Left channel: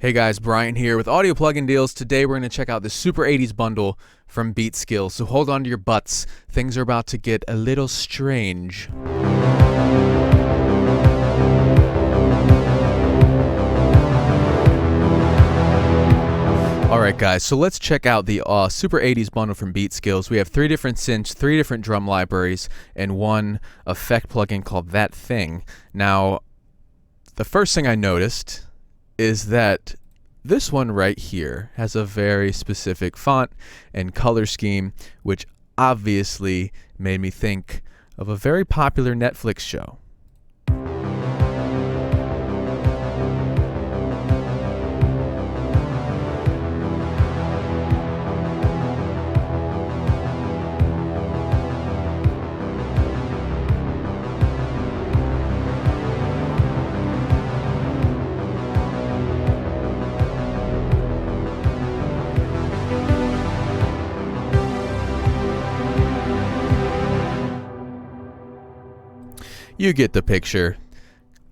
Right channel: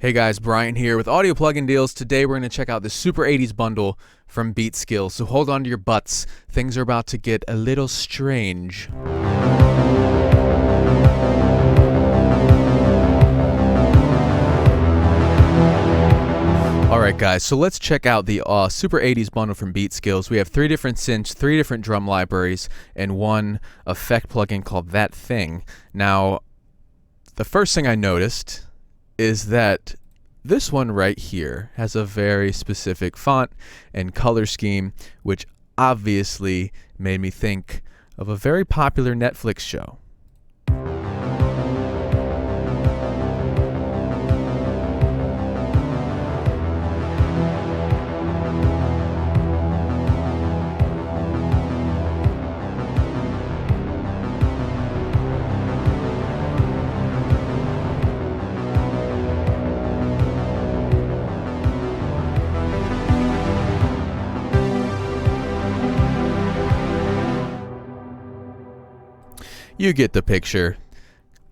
Hey guys, Brian here with Audio Plugin Deals. Today we're going to check out the Super 80s bundle from Beatskillz. So hold on to your butts. Things are about to get a little strange. Alright guys, so let's check out the Super 80s bundle from Beatskillz. We have 3 different synths, 3 different drum libraries, and 1 effect plugin called That Thing. Now, the first thing I noticed is that this one right here has a very specific font and color scheme, which obviously made me think of a very popular Netflix show. You get the picture.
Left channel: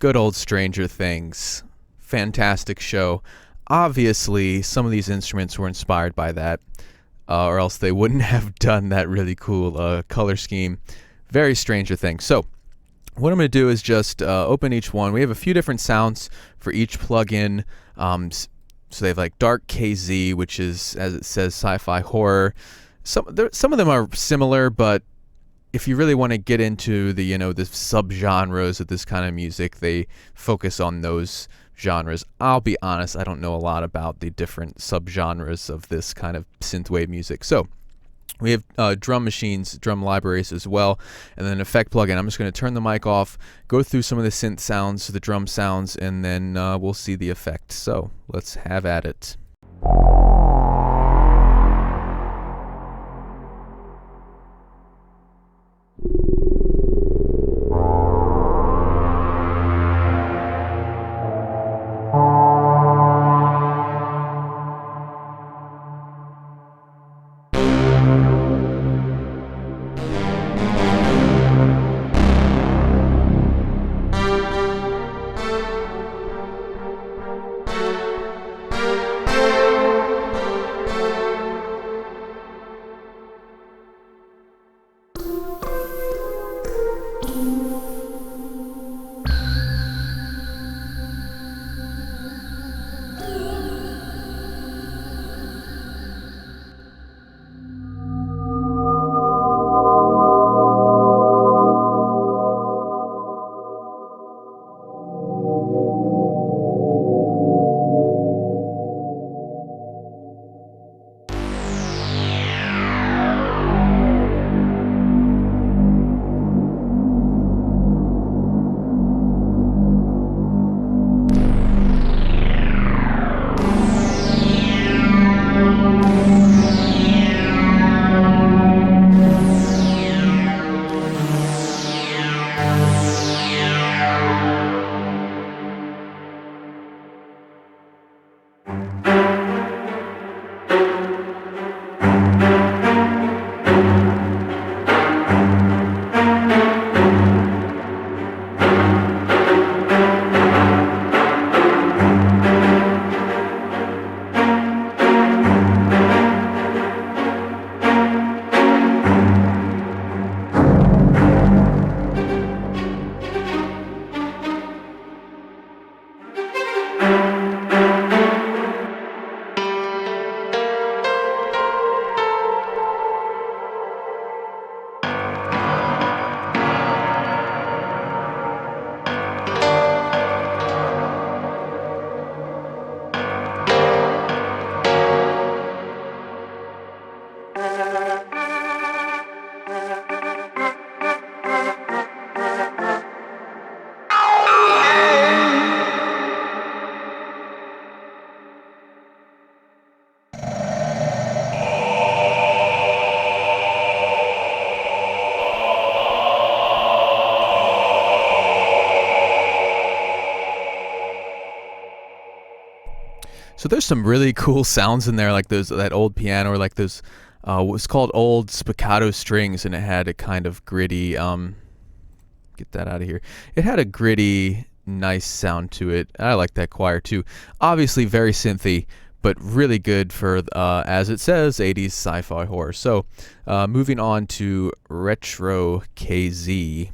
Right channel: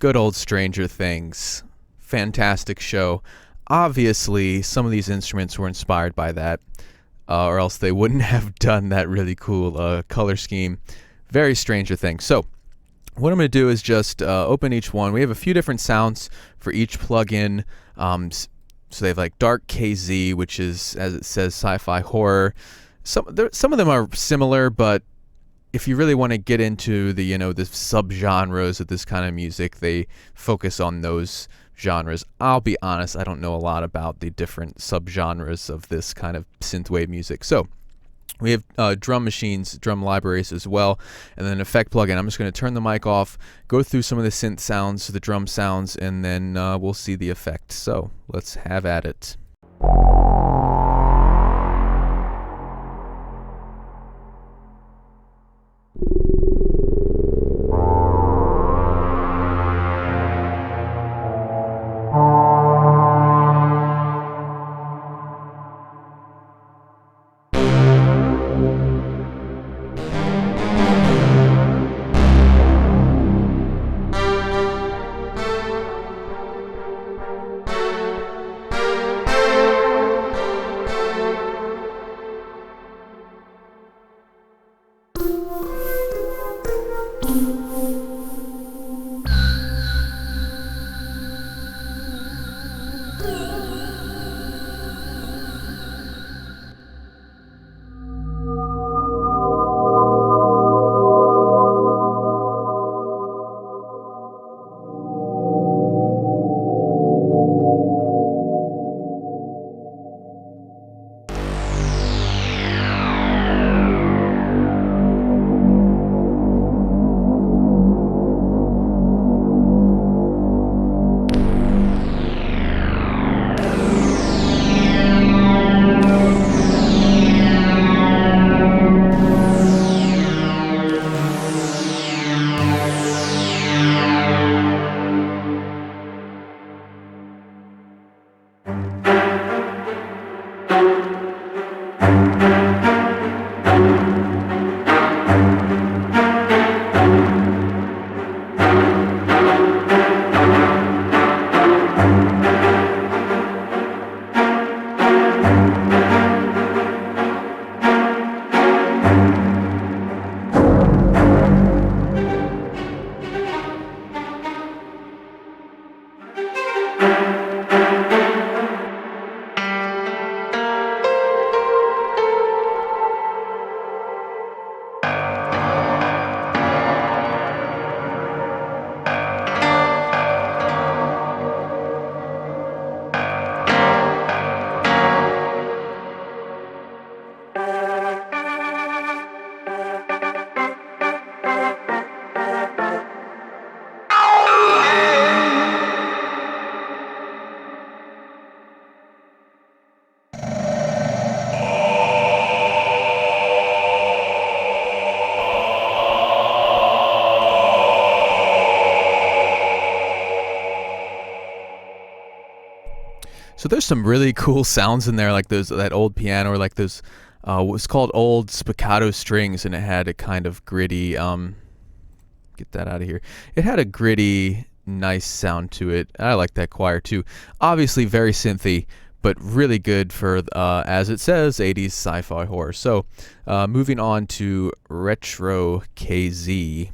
Good old Stranger Things. Fantastic show. Obviously, some of these instruments were inspired by that, or else they wouldn't have done that really cool color scheme. Very Stranger Things. So, what I'm going to do is just open each one. We have a few different sounds for each plugin. So they have like Dark KZ, which is, as it says, sci-fi horror. Some of them are similar, but if you really want to get into the, the subgenres of this kind of music, they focus on those genres. I'll be honest, I don't know a lot about the different subgenres of this kind of synthwave music. So we have drum machines, drum libraries as well, and then effect plugin. I'm just going to turn the mic off, go through some of the synth sounds, the drum sounds, and then we'll see the effect. So let's have at it. So there's some really cool sounds in there, like that old piano, or like those what's called old spiccato strings, and it had a kind of gritty. Get that out of here. It had a gritty nice sound to it. I like that choir too. Obviously very synthy, but really good for, as it says, 80s sci-fi horror. So moving on to Retro KZ.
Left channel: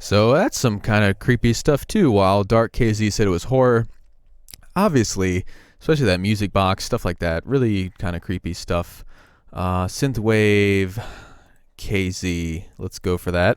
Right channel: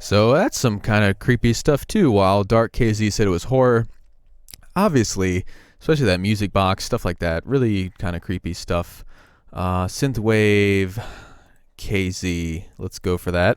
So that's some kind of creepy stuff too. While Dark KZ said it was horror, obviously, especially that music box, stuff like that, really kind of creepy stuff. Synthwave KZ, let's go for that.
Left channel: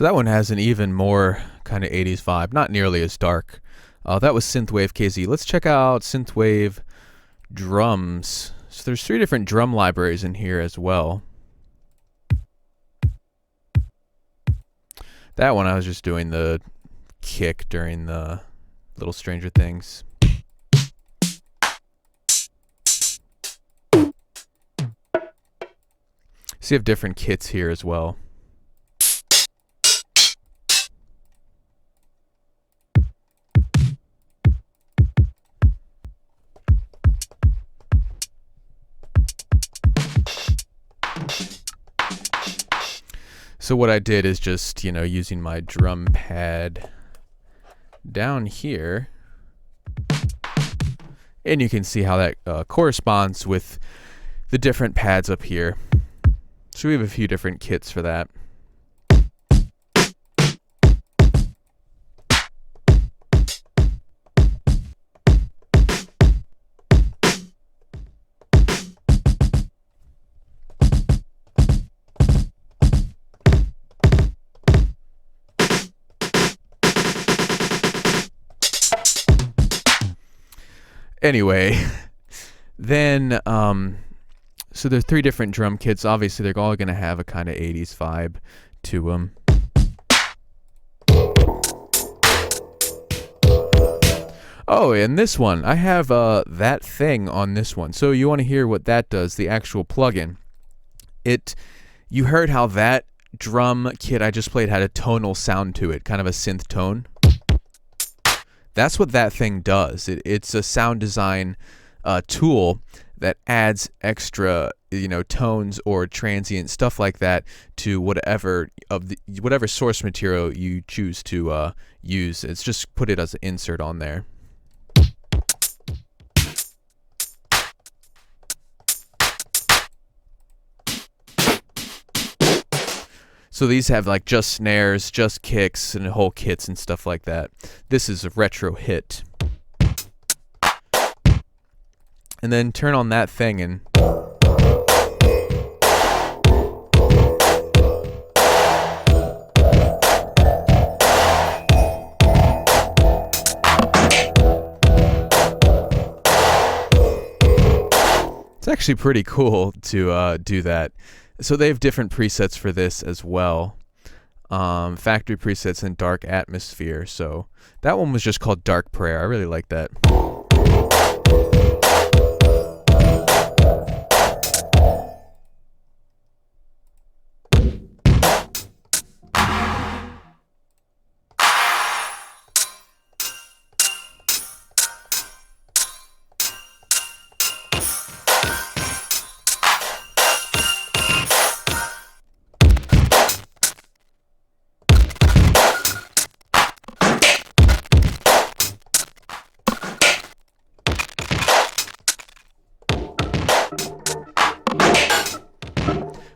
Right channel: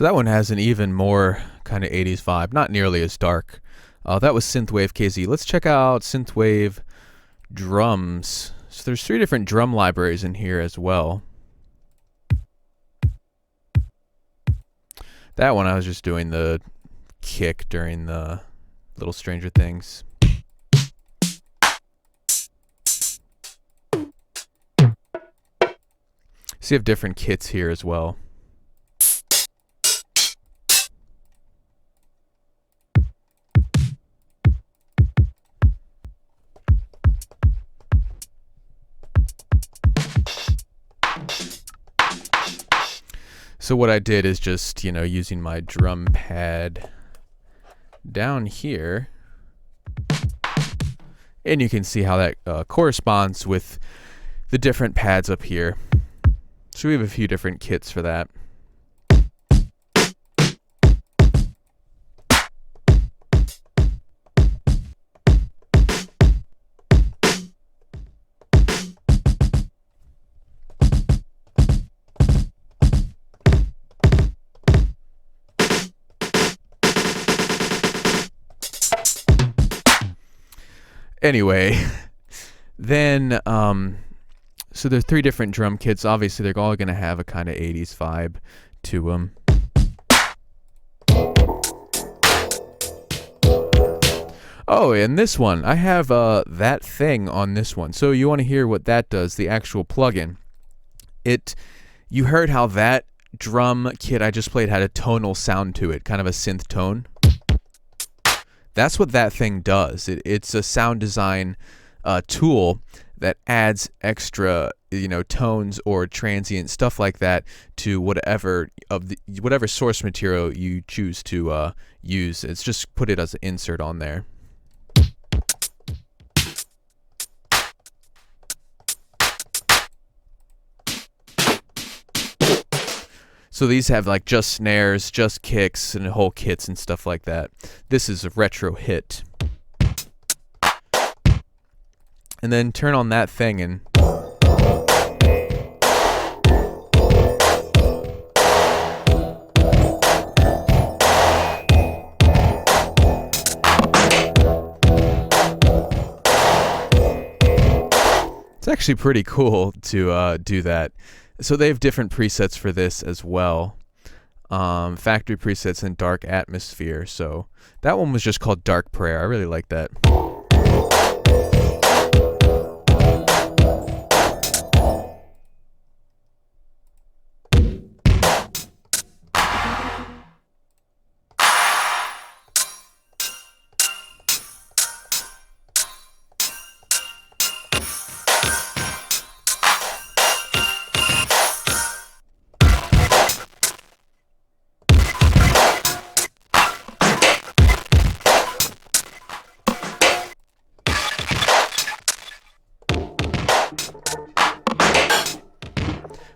So that one has an even more kind of 80s vibe, not nearly as dark. That was Synthwave KZ. Let's check out Synthwave drums. So there's 3 different drum libraries in here as well. That one I was just doing the kick during the Little Stranger Things. So you have different kits here as well. So what I did is just, using my drum pad down here, and you can see how that corresponds with the different pads up here. So we have a few different kits for that. Anyway, then, so there are 3 different drum kits. Obviously, they're all going to have a kind of 80s vibe to them. Oh, and this one, I have that thing on this one. So you want to hear what that does, the actual plugin. You heard how that drum kit I just played had a tonal sound to it, kind of a synth tone. That's what that thing does. It's a sound design tool that adds extra, tones or transient stuff like that to whatever source material you choose to use. It's just put it as an insert on there. So these have like just snares, just kicks, and whole kits and stuff like that. This is a retro hit. And then turn on that thing and it's actually pretty cool to do that. So they have different presets for this as well. Factory presets and Dark Atmosphere. So that one was just called Dark Prayer. I really like that.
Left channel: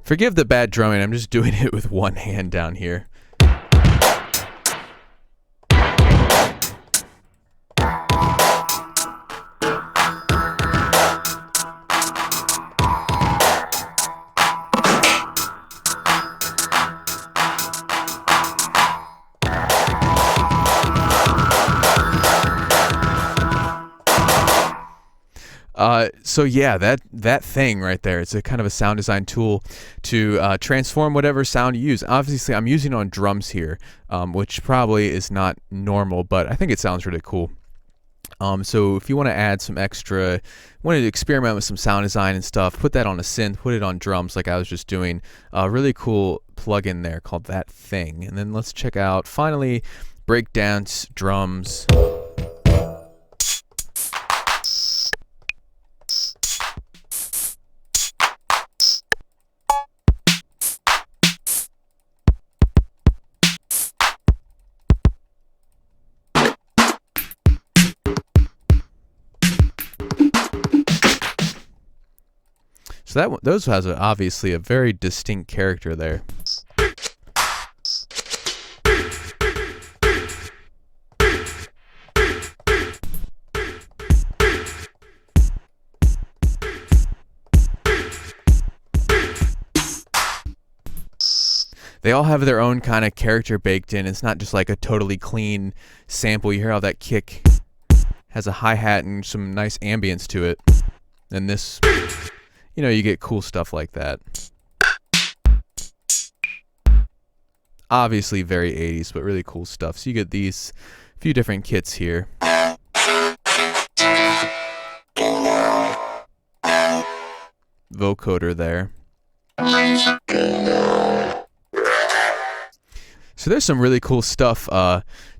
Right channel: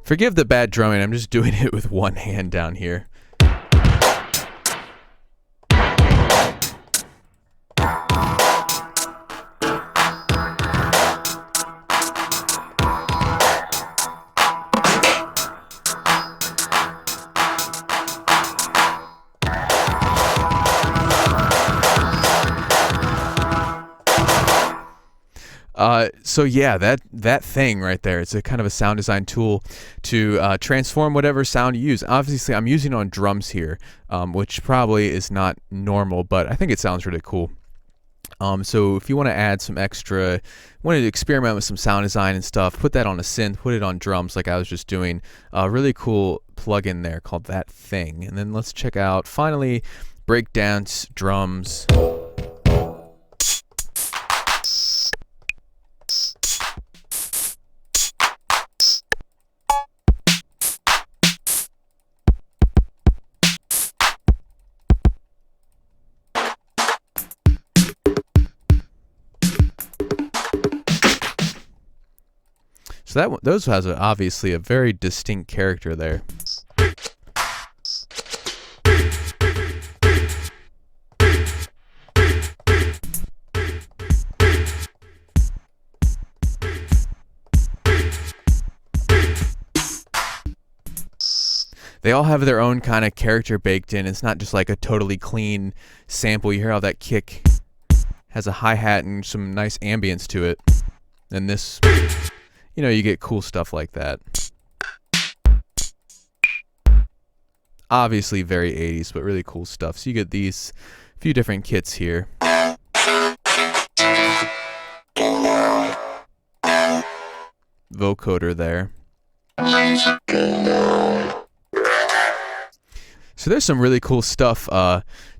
Forgive the bad drumming, I'm just doing it with one hand down here. So yeah, that thing right there, it's a kind of a sound design tool to transform whatever sound you use. Obviously, I'm using it on drums here, which probably is not normal, but I think it sounds really cool. So if you want to add some extra, want to experiment with some sound design and stuff, put that on a synth, put it on drums like I was just doing. A really cool plugin there called That Thing. And then let's check out, finally, breakdance drums. So those has obviously a very distinct character there. they all have their own kind of character baked in. It's not just like a totally clean sample. You hear how that kick has a hi-hat and some nice ambience to it. And this, you know, you get cool stuff like that. Obviously very 80s, but really cool stuff. So you get these few different kits here. Vocoder there. So there's some really cool stuff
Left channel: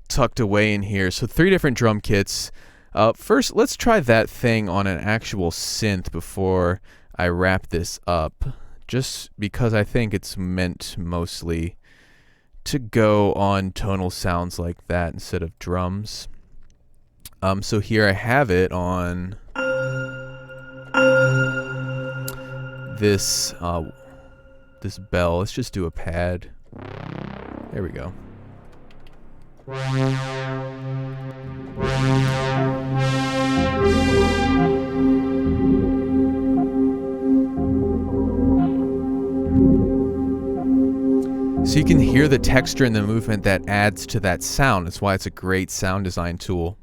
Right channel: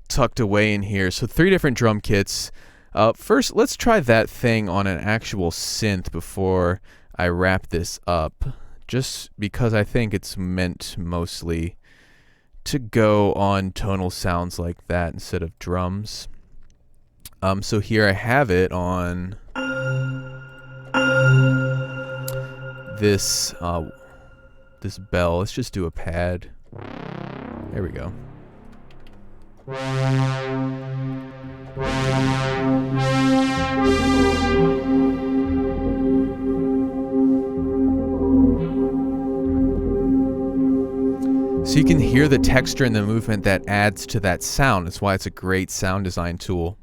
tucked away in here. So 3 different drum kits. First, let's try that thing on an actual synth before I wrap this up. Just because I think it's meant mostly to go on tonal sounds like that instead of drums. So here I have it on this this bell. Let's just do a pad. There we go. So you can hear the texture and the movement that adds to that sound. That's why it's a great sound design tool.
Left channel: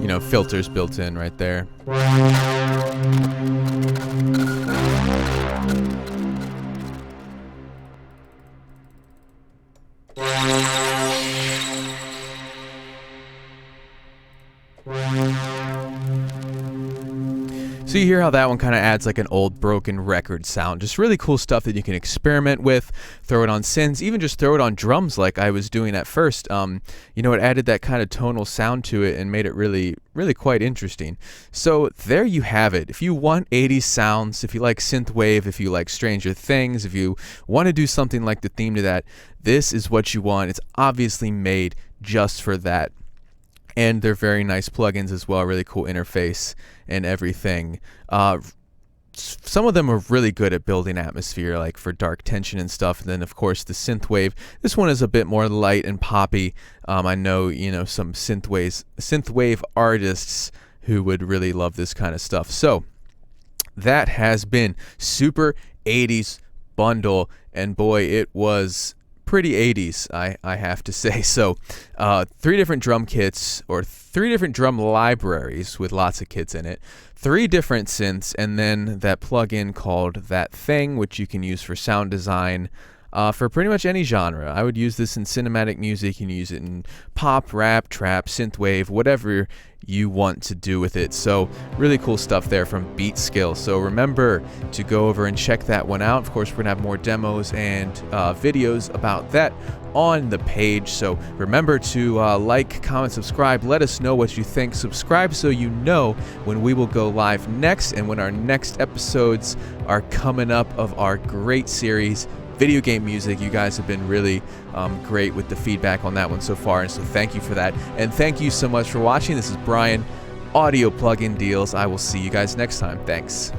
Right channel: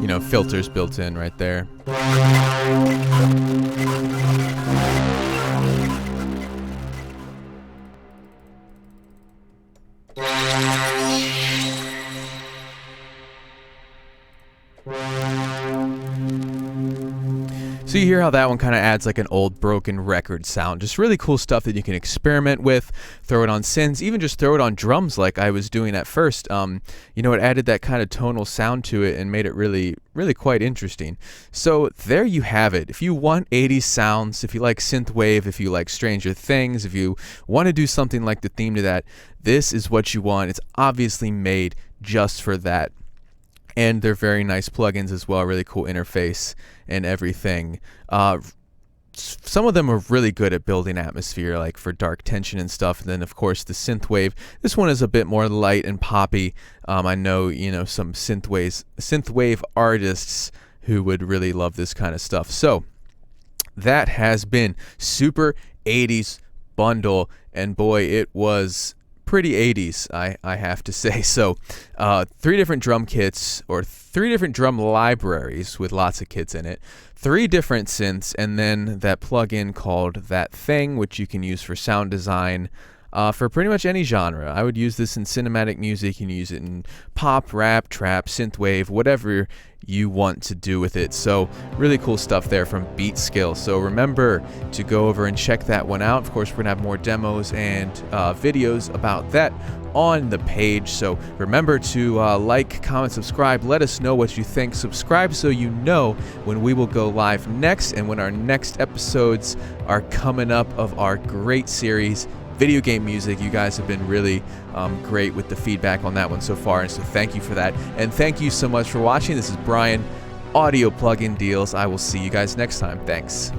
You know, filters built in right there. So you hear how that one kind of adds like an old broken record sound. Just really cool stuff that you can experiment with, throw it on synths, even just throw it on drums like I was doing at first. You know, it added that kind of tonal sound to it and made it really quite interesting. So there you have it. If you want 80s sounds, if you like synthwave, if you like Stranger Things, if you want to do something like the theme to that, this is what you want. It's obviously made just for that. And they're very nice plugins as well, really cool interface and everything. Some of them are really good at building atmosphere, like for dark tension and stuff. And then, of course, the synthwave. This one is a bit more light and poppy. I know, you know, some synthwave artists who would really love this kind of stuff. So that has been Super 80s Bundle, and boy, it was pretty 80s, I have to say. So 3 different drum kits, or 3 different drum libraries with lots of kits in it, 3 different synths, and then that plugin called That Thing, which you can use for sound design for pretty much any genre. I would use this in cinematic music. You can use it in pop, rap, trap, synthwave, whatever you want to do with it. So really cool stuff there from Beatskillz. So remember to go over and check that one out. Of course, we're gonna have more demos and videos about that on the page. So remember to like, comment, subscribe. Let us know what you think. Subscribe so you know when we will go live next and when our next episodes are coming up of our great series, Video Game Music. You guys have been really great with the feedback on that one so far, and so thank you for that. And thank you so much for watching. This is Brian, Audio Plugin Deals. I will see you guys next time. Thanks.